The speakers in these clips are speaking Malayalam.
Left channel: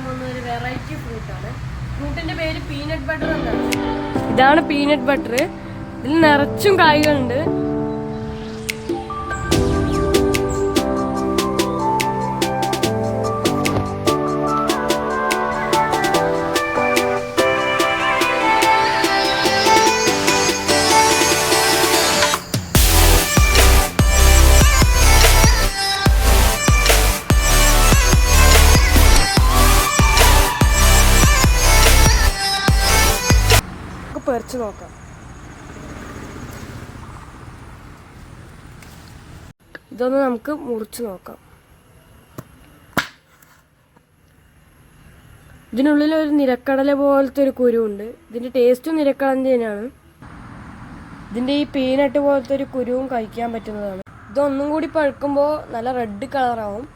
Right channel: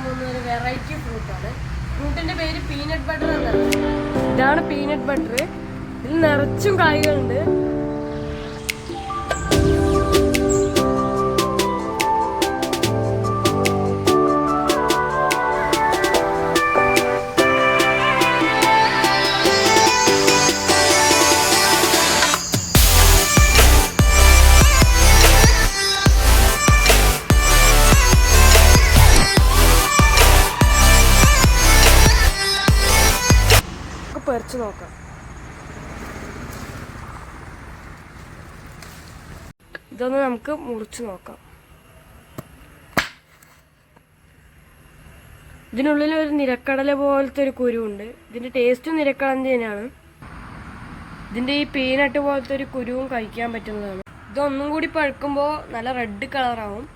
കാണിക്കാൻ പോകുന്ന ഒരു വെറൈറ്റി ഫ്രൂട്ടാണ്. ഫ്രൂട്ടിന്റെ പേര് പീനട്ട് ബട്ടർ എന്നാണ്. ഇതാണ് പീനട്ട് ബട്ടർ. ഇതിൽ നിറച്ചും കായ്കളുണ്ട്. പറിച്ചു നോക്കാം. ഇതൊന്ന് നമുക്ക് മുറിച്ചു നോക്കാം. ഇതിനുള്ളിൽ ഒരു നിലക്കടല പോലത്തെ ഒരു കുരുവുണ്ട്. ഇതിന്റെ ടേസ്റ്റ് നിലക്കടല തന്നെയാണ്. ഇതിന്റെ ഈ പീനട്ട് പോലത്തെ ഒരു കുരുവും കഴിക്കാൻ പറ്റുന്നതാണ്. ഇതൊന്നും കൂടി പഴുക്കുമ്പോൾ നല്ല റെഡ് കളറാവും.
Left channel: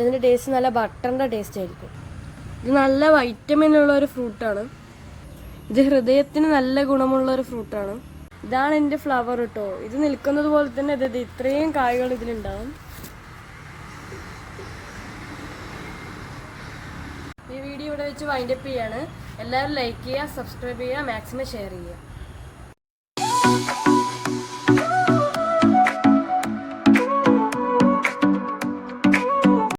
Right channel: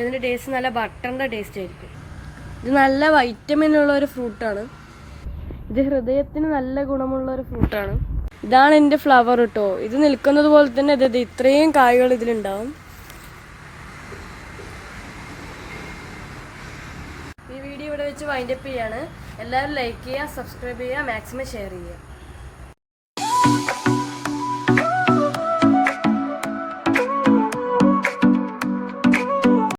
ഇതിന്റെ ടേസ്റ്റ് നല്ല ബട്ടറിന്റെ ടേസ്റ്റ് ആയിരിക്കും. ഇത് നല്ല വൈറ്റമിൻ ഉള്ള ഒരു ഫ്രൂട്ടാണ്. ഇത് ഹൃദയത്തിന് നല്ല ഗുണമുള്ള ഒരു ഫ്രൂട്ടാണ്. ഇതാണ് എൻ്റെ ഫ്ലവർ കേട്ടോ. ഇത് നിൽക്കുന്നത് പോലെ തന്നെ ഇത് ഇത്രയും കായ്കൾ ഇതിലുണ്ടാവും. ഈ വീഡിയോ ഇവിടെ വെച്ച് വൈൻഡപ്പ് ചെയ്യാണ്. എല്ലാവരും ലൈക്ക് ചെയ്യുക, സബ്സ്ക്രൈബ് ചെയ്യുക, മാക്സിമം ഷെയർ ചെയ്യുക.